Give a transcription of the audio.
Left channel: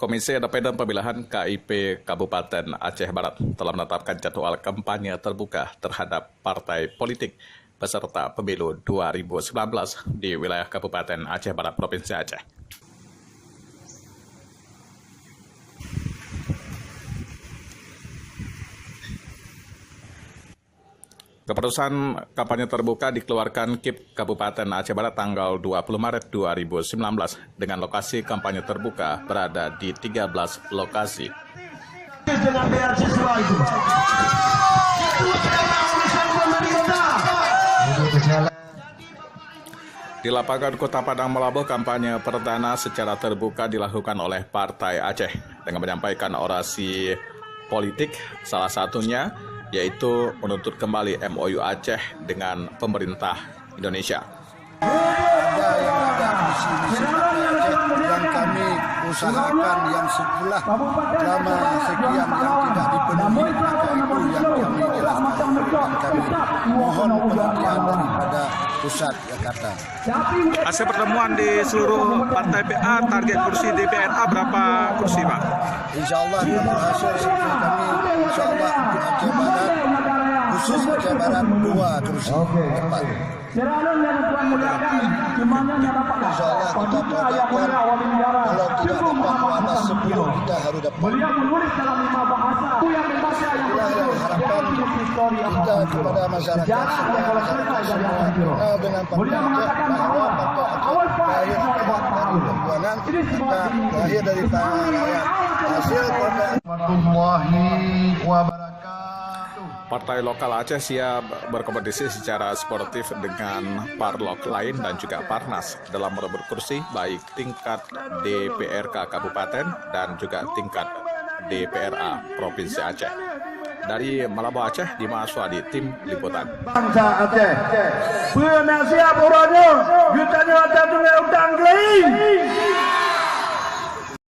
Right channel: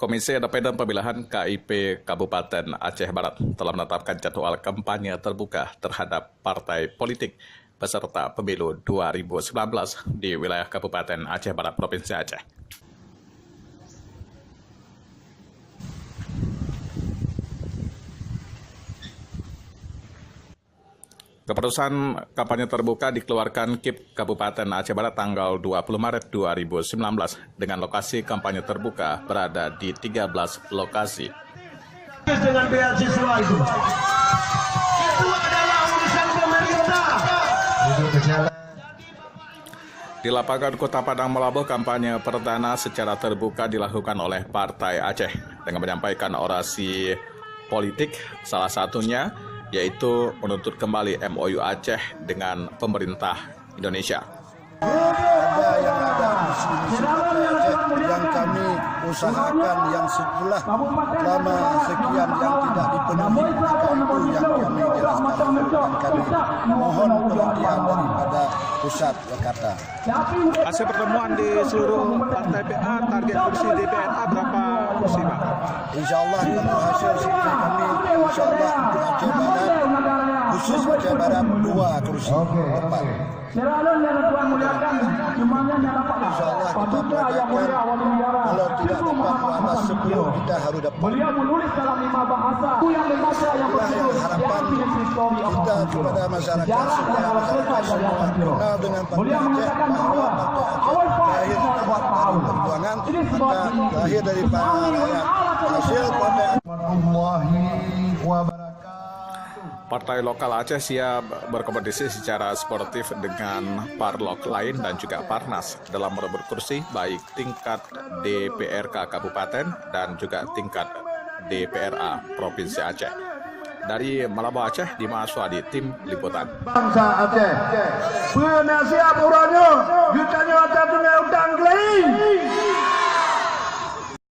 Komisi Independen Pemilihan KIP Kabupaten Aceh Barat telah menetapkan jadwal kampanye terbuka terhadap partai politik peserta pemilu 2019 di wilayah Kabupaten Aceh Barat, Provinsi Aceh. Keputusan kampanye terbuka dikeluarkan KIP Kabupaten Aceh Barat tanggal 20 Maret 2019 dengan lokasi kampanye terbuka berada di 13 lokasi. Dengan beasiswa itu adalah urusan pemerintah. Di lapangan Kota Padang Melabuh, kampanye perdana secara terbuka dilakukan oleh Partai Aceh dengan menyampaikan orasi politik, salah satunya yaitu menuntut kembali MOU Aceh dengan pemerintah Indonesia. Ada yang ada misi-misi Partai Aceh yang kami usahakan yang setelah lama sekian yang tidak dipenuhi, maka itu yang kami jelaskan dan kami mohon perhatian daripada pusat Jakarta. Hasil pertemuan di seluruh partai PA, target kursi DPRA berapa kursi, Pak? Insya Allah kalau hasil survei kami, insya Allah untuk Aceh Barat, khusus Aceh Barat 2 kursi tepat. Insya Allah kita targetkan kalau tidak dapat ada 10 kita harus dapat. Itulah yang harapan kita kepada masyarakat supaya masyarakat semua kenal dengan Partai Aceh, bahwa Partai Aceh lahir dari perjuangan, maka lahir dari para rakyat. Hasil Partai Partai lokal Aceh siap berkompetisi secara sportif dengan parlok lain dan juga Parnas dalam merebut kursi baik tingkat DPRK Kabupaten dan juga tingkat DPRA Provinsi Aceh. Dari Melabuh Aceh, Dimas Wadi, Tim Liputan. Bangsa Aceh, penasihat